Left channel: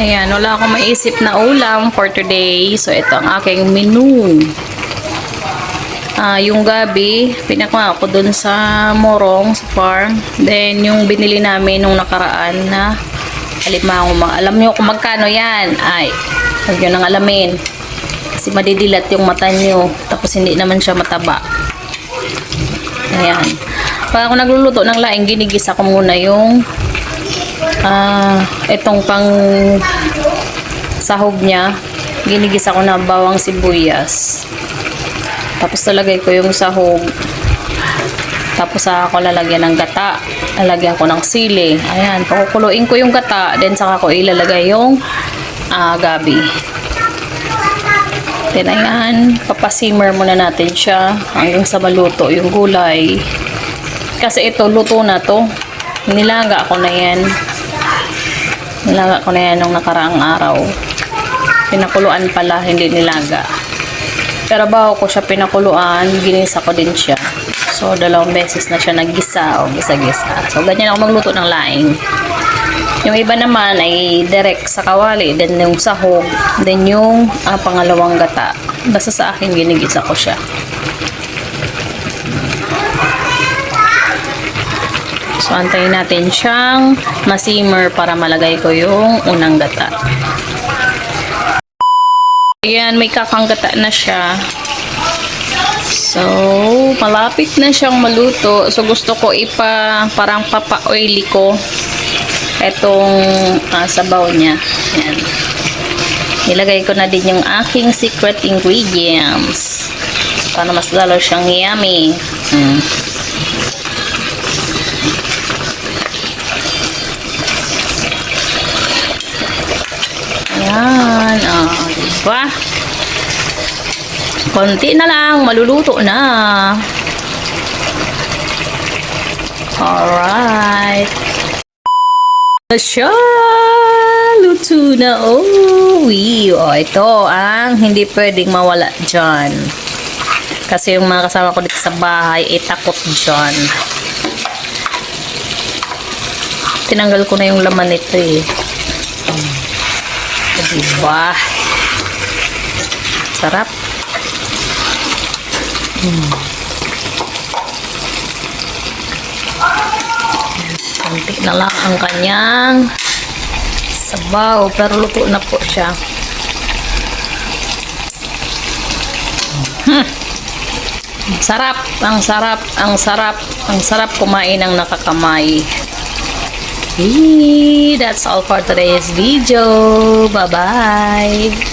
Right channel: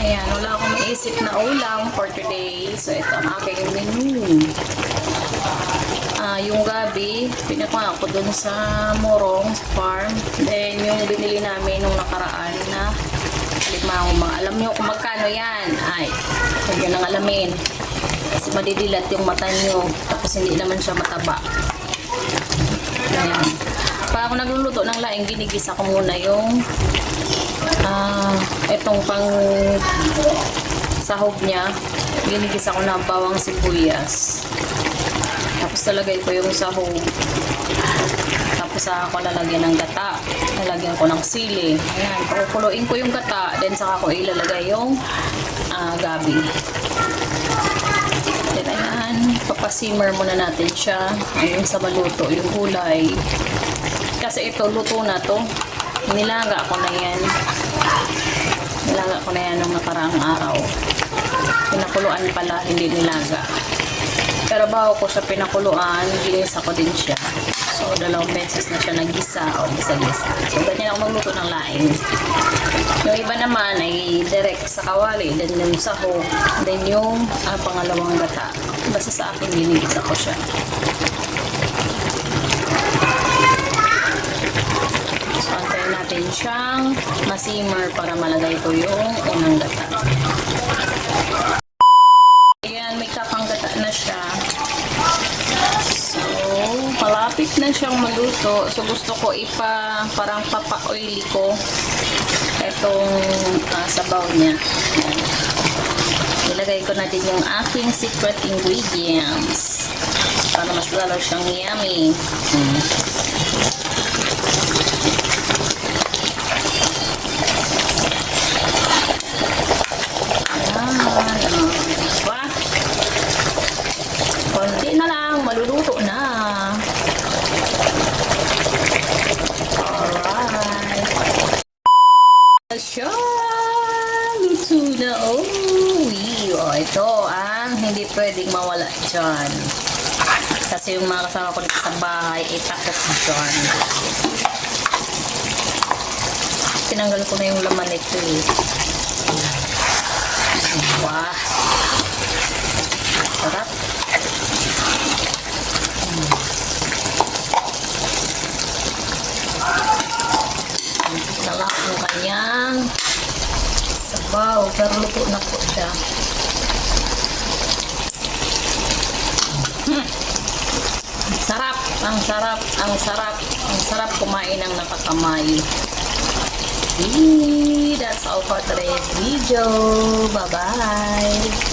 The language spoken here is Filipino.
Ayan, wala akong maisip na ulam for today. So, ito ang aking menu. Ah, yung gabi, pinakma ako dun sa Morong, sa farm. Then, yung binili namin nung nakaraan na alimango. Ma- Alam niyo kung magkano yan. Ay, huwag nyo nang alamin. Kasi madidilat yung mata nyo. Tapos, hindi naman siya mataba. Ayan. Pag ako nagluluto ng laing, ginigisa ko muna yung ah, itong pang sahog niya. Ginigisa ko na bawang sibuyas. Tapos talagay ko yung sahog. Tapos saka ko lalagyan ng gata. Lalagyan ko ng sili. Ayan, pakukuluin ko yung gata. Then saka ko ilalagay yung ah, gabi. Then ayan, papasimmer muna natin siya hanggang sa maluto yung gulay. Kasi ito, luto na to. Nilaga ko na yan. Nilaga ko na yan nung nakaraang araw. Pinakuluan pala, hindi nilaga. Pero bago ko siya pinakuluan, ginisa ko din siya. So, dalawang beses na siya naggisa o gisa-gisa. So, ganyan ako magluto ng laing. Yung iba naman ay direct sa kawali, then yung sahog, then yung ah, pangalawang gata. Basta sa akin, ginigisa ko siya. So, antayin natin siyang masimmer para malagay ko yung unang gata. Ayan, may kakanggata na siya. So, malapit na siyang maluto. So, gusto ko ipa, parang papa-oily ko itong ah, sabaw niya. Ayan. Nilagay ko na din yung aking secret ingredients para mas lalo siyang yummy. Mm. Ayan, ah, diba? Konti na lang, maluluto na. Alright. Siya, luto na. Oh. Oh, ito ang hindi pwedeng mawala dyan. Kasi yung mga kasama ko dito sa bahay, eh, takot dyan. Tinanggal ko na yung laman nito eh. Diba? Sarap. Hmm. Kunti na lang ang kanyang sabaw. Pero luto na po siya. Hmm. Sarap, ang sarap, ang sarap, ang sarap kumain ng nakakamay. Hey, that's all for today's video. Bye-bye.